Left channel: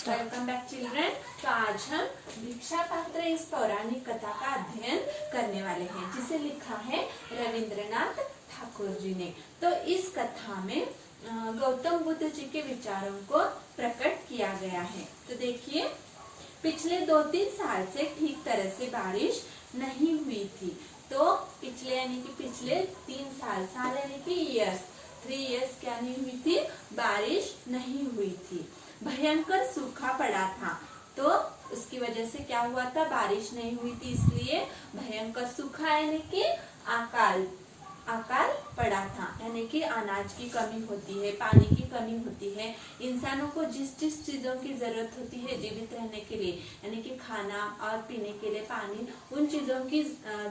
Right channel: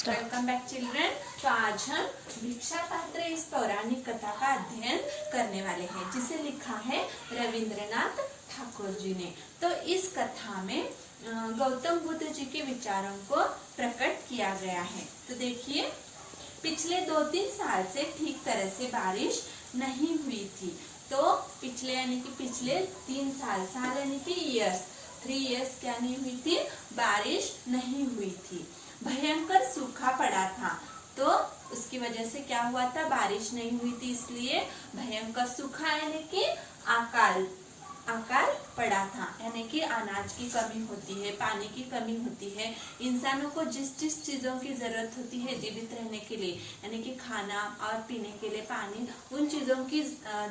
Welcome back children. तो आज हम भिक्षा पात्र इस पौराणिक कथा का अध्ययन करने वाले हैं, जिसे लिखा है रविंद्रनाथ ठाकुर जी ने। तो इस कथा में गौतम बुद्ध जी के विचारों को प्रकट किया गया है। तो देखिए, पिछले 2-3 साल से ठीक तरह से बारिश नहीं हुई थी। तो पिछले यानी कि पिछले 3 साल यानी कि ईयर्स, 3 इयर्स क्या नहीं हुई थी, बारिश नहीं हुई थी। भयंकर सूखा पड़ा था। तो उसकी वजह से क्या हुआ था, बारिश नहीं हुई थी, इसलिए भयंकर सूखा यानी कि अकाल पड़ा था। यानी कि अनाज की कमी होती है, पानी की कमी होती है। इंसानों को जिस जिस चीजों की जरूरत होती है जीवित रहने के लिए, यानी कि खाना और पीने के लिए पानी, उन चीजों की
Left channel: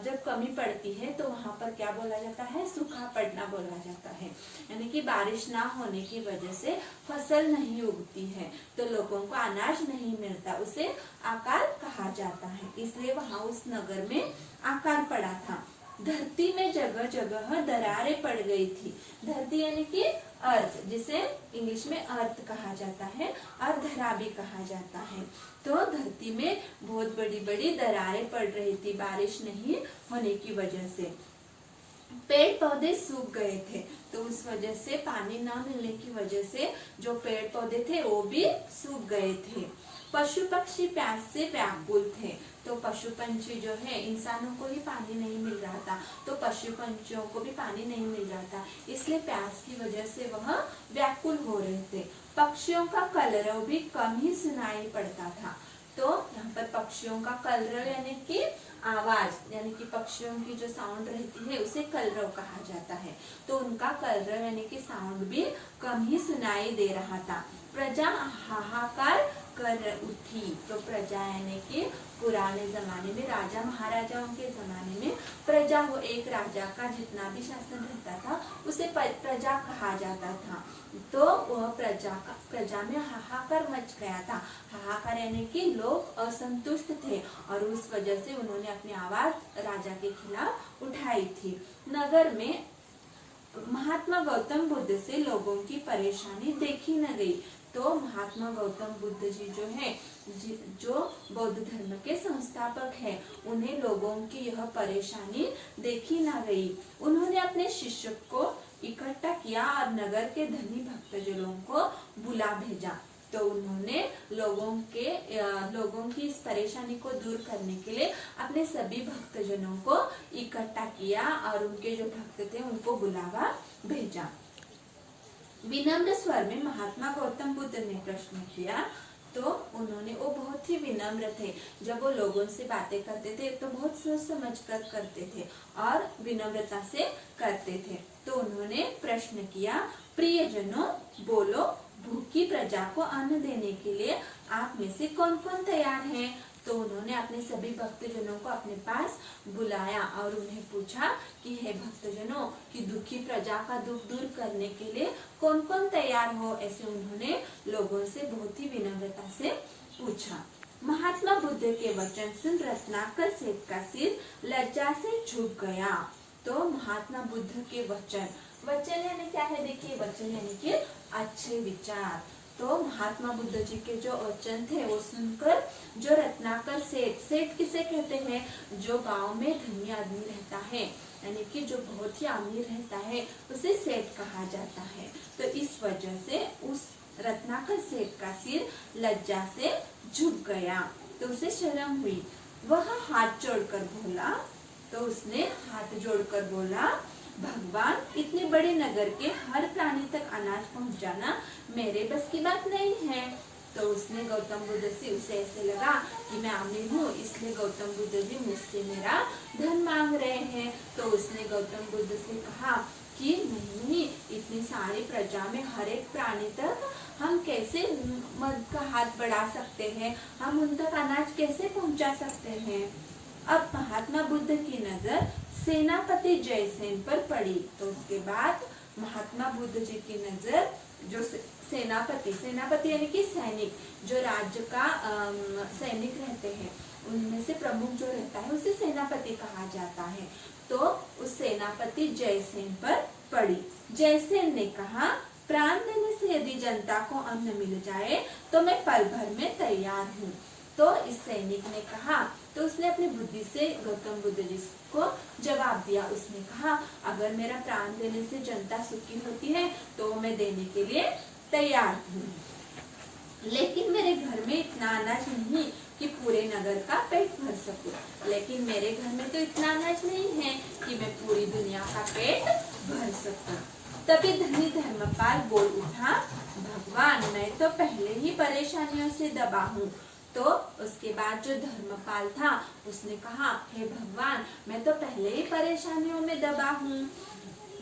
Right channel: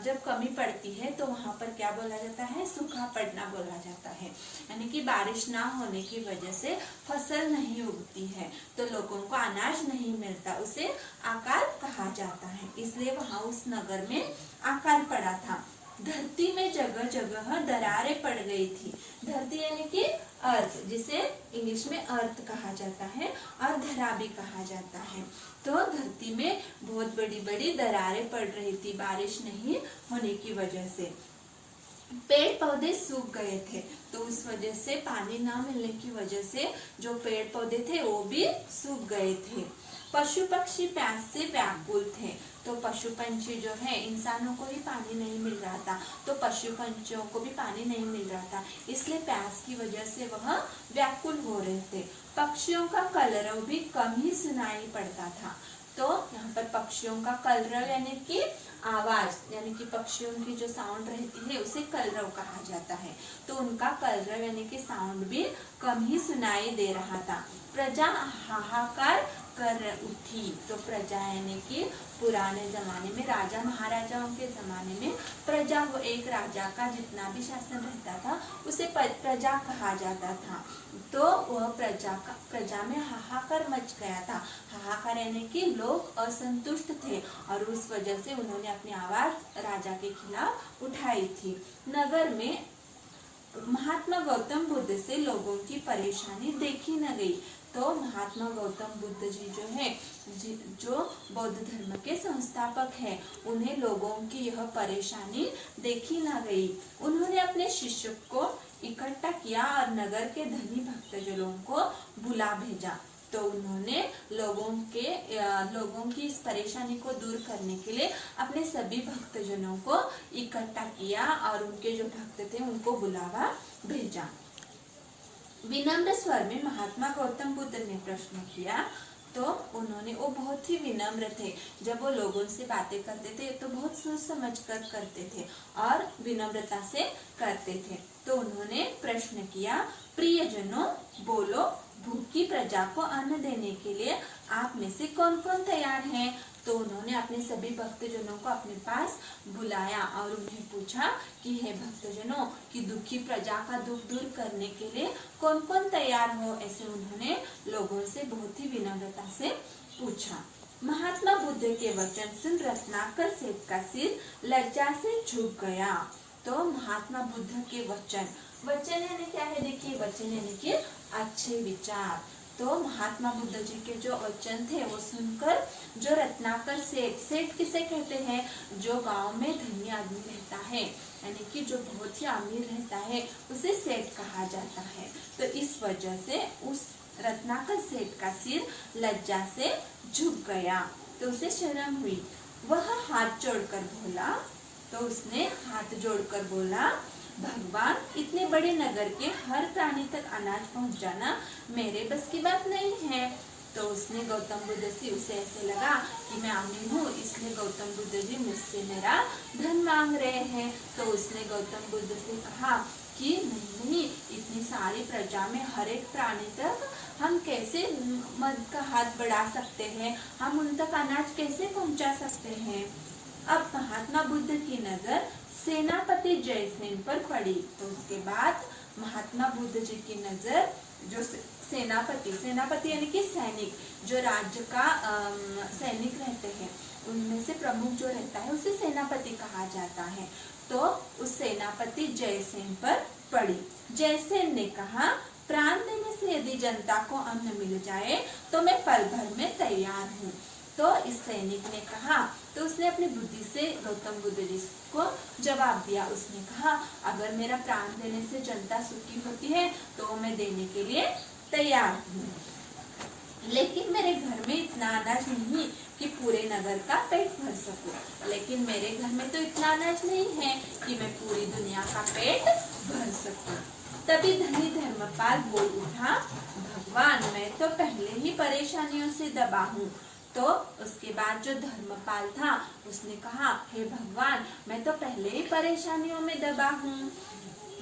जब कमी पड़ती है तो वहां पर क्या बोला जाता है, सूखा पड़ना बोला जाता है। यानी कि बारिश ना होने की वजह से फसल नहीं उगती है, तो लोगों को अनाज नहीं मिलता, उसे अकाल कहा जाता है। इसलिए वहां उस नगर में अकाल पड़ा था। धरती में जगह जगह दरारें पड़ गई थी। धरती यानी कि अर्थ, जिसे इंग्लिश में अर्थ कहा जाता है और धरा भी कहा जाता है। तो धरती में बहुत बड़ी बड़ी दरारें पड़ रही थी बारिश नहीं होने की वजह से। पेड़ पौधे सूख गए थे, तो उस वजह से पानी ना मिलने की वजह से जो पेड़ पौधे थे वो भी सूख गए थे। पशु पक्षी प्यास से व्याकुल थे। तो पशु पंछी जो है, इंसानों को ही पानी नहीं मिल रहा था, तो पशु पंछियों को भी पानी नहीं मिल रहा था, इसलिए प्यास की वजह से वह व्याकुल हो रहे थे। पक्षियों का कलरव भी कम ही सुनाई पड़ता था। तो यहाँ पर पक्षियों का कलरव यानी कि आवाज, यानी कि पक्षियों की जो साउंड रहती है उसे कलरव कहा जाता है। तो उनका कलरव यानी कि साउंड भी कम ही सुनाई दे रहा था। प्रजा हाहाकार कर उठी। तो प्रजा यानी कि पुराने जमाने में, राजा महाराजाओं के जमाने में प्रजा हो, एक राजा का जितना भी शासन रहता था उसे प्रजा कहा जाता था। तो वह प्रजा में हाहाकार मच गया था। हाहाकार यानी कि लोग असंतुष्ट थे और उस वजह से उन्होंने अपनी आवाज राजा के खिलाफ उठाई थी। नगर में महात्मा गौतम बुद्ध से लोगों की परेशानी देखी न गई। तो महात्मा गौतम बुद्ध जी जो है, जो बौद्ध धर्म के संस्थापक हैं, उन्हें लोगों की यह परेशानी देखी ना गई। उन्होंने अपने शिष्य को इकट्ठा किया और नगर के धनी भक्तजनों को बुला भेजा। तो उन्होंने लोगों की इस परेशानी को दूर करने के लिए अपने सभी भक्तजनों को इकट्ठा किया और उनके जो भक्त थे उनको बुलावा भेजा। विनम्र स्वर में महात्मा गौतम बुद्ध ने प्रश्न किया। तो वो बहुत ही विनम्र थे। जब वो लोगों से बातें करते थे तो बहुत सोच समझ कर करते थे और विनम्रता से करते थे। तो उन्होंने प्रश्न किया, प्रियजनों बोलो, भूखी प्रजा को अन्न देने के लिए आप में से कौन कौन तैयार हैं? तो उन्होंने अपने सभी भक्तजनों को अपने पास बुलाया और उन्हें पूछा कि हे भक्तजनों, कि दुखी प्रजा का दुख दूर करने के लिए कौन कौन तैयार हो? ऐसे उन्होंने लोगों से बहुत ही विनम्रता से पूछा। महात्मा बुद्ध के वचन सुन रत्नाकर सेठ का सिर लज्जा से झुक गया। तो महात्मा बुद्ध के वचन यानी क्या है? देखिए, वचन यानी कि अच्छे विचार। तो महात्मा बुद्ध जी के जो वचन थे वो सुनकर जो रत्नाकर सेठ किसे कहते हैं? जो गांव में धनी आदमी रहता है, यानी कि जो बहुत ही अमीर रहता है, उसे सेठ कहा जाता है। तो इस वजह से उस रत्नाकर सेठ का सिर लज्जा से झुक गया। तो उसे शर्म हुई। वह हाथ जोड़कर बोला। तो उसने हाथ जोड़कर बोला, भगवान, इतने बड़े नगर के हर प्राणी तक अनाज पहुंचाना मेरे बस की बात नहीं है। तो उसने गौतम बुद्ध से, उसे ऐसे लगा कि मैं अमीर हूँ, इसलिए गौतम बुद्ध जी मुझसे मेरा धन मांग रहे हैं। तो उसने गौतम बुद्ध से कहा कि नहीं, इतनी सारी प्रजा में हर एक प्राणी तक हम कैसे मदद का हाथ बढ़ा सकते हैं, हम उन तक अनाज कैसे पहुँचा सकते हैं। अब महात्मा बुद्ध की नजर सेनापति जयसेन पर पड़ी। तो उसके बाद महात्मा बुद्ध जी की नजर जो सेनापति यानी कि सैनिक, जो राज्य का सैनिक रहते हैं, उनमें से प्रमुख जो रहता है उसे सेनापति कहा जाता है। तो उस सेनापति जयसेन पर पड़ी। जयसेन ने कहा, प्राण देने से यदि जनता को अन्न मिल जाए तो मैं पल भर में तैयार हूँ। तो इस सैनिक ने कहा, तो उसने अपनी बुद्धि से गौतम बुद्ध जी को जवाब दिया। उसने कहा, अगर मेरा प्राण देने से जनता सुखी होती है तो मैं देने के लिए तैयार हूँ, लेकिन मेरे घर में इतना अनाज नहीं कि पूरे नगर का पेट भर सकूं। लेकिन मेरे घर में तो इतना अनाज नहीं है कि मैं पूरी दुनिया का पेट भर सकूं। तभी धनी धर्मपाल बोल उठा, भगवान मैं तो पहले ही परेशानियों से दबा हूँ। तो उसके बाद जो धर्मपाल था उसने कहा, हे भगवान मैं तो पहले ही परेशानियों में दबा हूँ।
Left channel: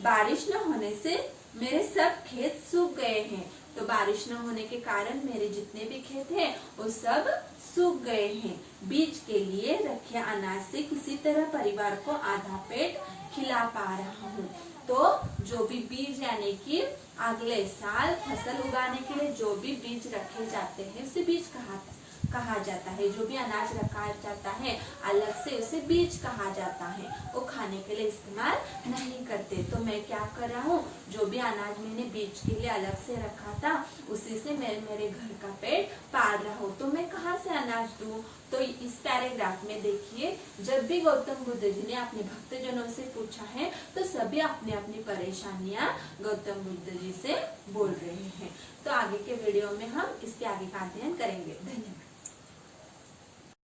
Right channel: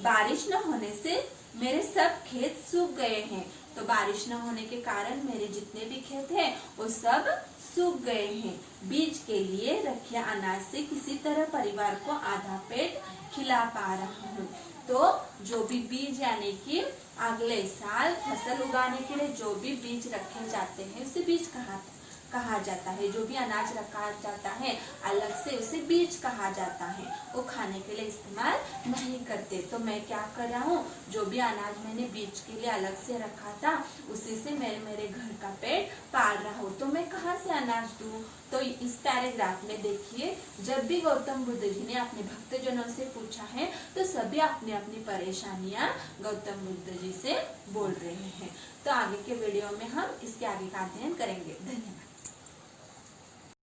बारिश न होने से मेरे सब खेत सूख गए हैं। तो बारिश न होने के कारण मेरे जितने भी खेत हैं वो सब सूख गए हैं। बीज के लिए रखे अनाज से किसी तरह परिवार को आधा पेट खिला पा रहा हूँ। तो जो भी बीज यानी कि अगले साल फसल उगाने के लिए जो भी बीज रखे जाते हैं उसे बीज कहा जाता है। जो भी अनाज रखा जाता है अलग से उसे बीज कहा जाता है। वो खाने के लिए इस्तेमाल नहीं करते। तो मैं क्या कर रहा हूँ, जो भी अनाज मैंने बीज के लिए अलग से रखा था उसी से मैं मेरे घर का पेट पाल रहा हूँ। तो मैं कहाँ से अनाज दूँ? तो इस पैराग्राफ में देखिए, जब भी गौतम बुद्ध जी ने अपने भक्तजनों से पूछा है तो सभी अपनी अपनी परेशानियां गौतम बुद्ध जी से बोल रहे हैं। तो आगे के वीडियो में हम इसके आगे का अध्ययन करेंगे। धन्यवाद।